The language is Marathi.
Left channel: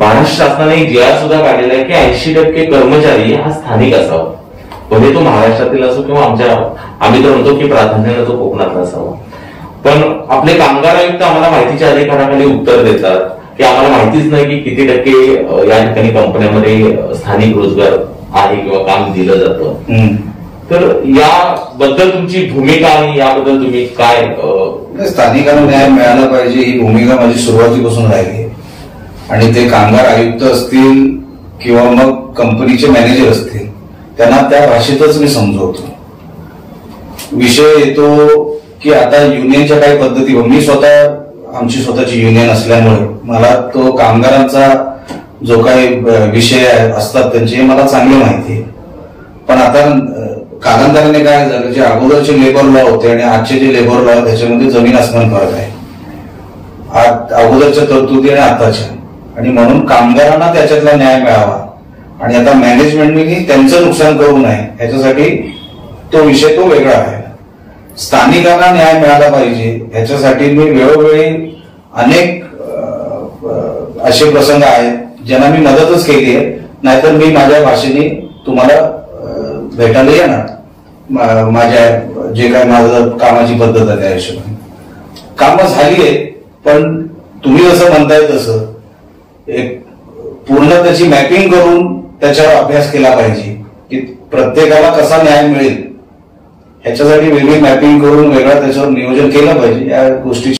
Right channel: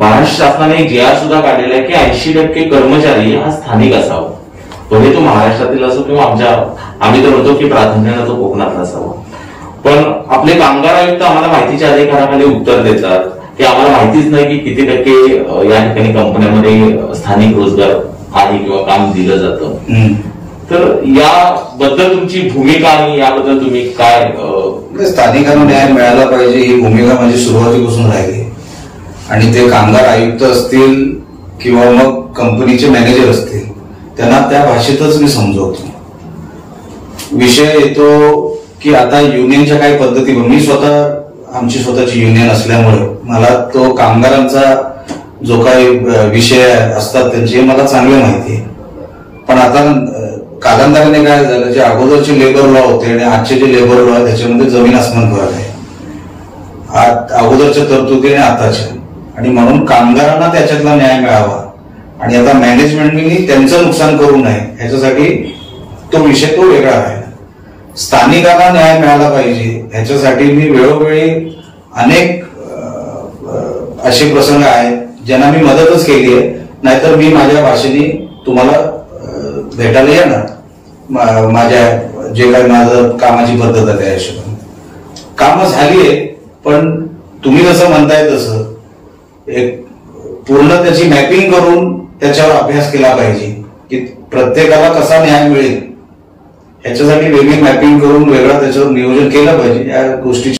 महाराष्ट्र शासनाने एक जी आर सुद्धा काढलेला आहे की 80% कर्मचारी हा स्थानिक असावा, भले तो महाराष्ट्रातील असो किंवा आम्ही तर म्हणतो की प्राधान्याने तो कोकणातला असावा. पण आपले कामगार आयुक्त आम्हाला माहितीच्या अधिकाराखाली उत्तर देतात की आम्हाला माहितीच नाही की किती टक्के या ठिकाणी कंपन्यांमध्ये स्थानिक रोजगार आहे किंवा काम दिलं जातं. तर याबद्दल तुमची भूमिका आणि याबद्दल तुम्ही काय? स्थानिकांना न्याय मिळाला पाहिजे ही भूमिका माझी सुरुवातीपासून राहिली आणि ते कामगार आयुक्त असतील किंवा मग कंपनीचे मॅनेजर असतील त्यांना त्या भाषेतच मी समजवतो. विषय येतो की आता युनियनच्या काही पद्धती, मी स्वतः आमची स्वतःची युनियन असल्यामुळे मला तो कामगारांचा जो काही विषय असतात त्यांचे मला चांगले माहिती आहे. पण आता कालांतराने काय झालं, जे अगोदरचे लेबर लॉ होते आणि आजचे जे लेबर लॉ आहे त्याच्यामध्ये जमीन आसमान फरक आहे. अगोदरच्या तरतुदी आणि आताच्या, आणि म्हणून कामगारांना त्याच्यातला न्याय मिळावा आणि आता मॅनेजमेंटने त्यांचं नुकसान करू नये ह्याच्यासाठी तो विषय तो वेगळा आहे. स्थानिकांना न्याय मिळाला पाहिजे ह्याच्यासाठी मी वेळोवेळी अनेक असे प्रसंग आहेत ज्यांना मी मदतच केली आहे. नाहीतर मी माझ्या भाषेने तुम्हाला भेटायला येणार, माझ्या जे काही माझं कामाची पद्धत आहे त्या हिशोबाने कामं झाली आहे. पण तुम्ही जसं म्हणताय तसं एक पूर्ण त्याची मॅपिंग करून त्याच्यावर अभ्यास केला पाहिजे की प्रत्येकाला कसा न्याय मिळेल ह्याच्यासाठी वेगळी मॅपिंग करून वेगळं त्याच्यावर नियोजन केलं पाहिजे. या गोष्टी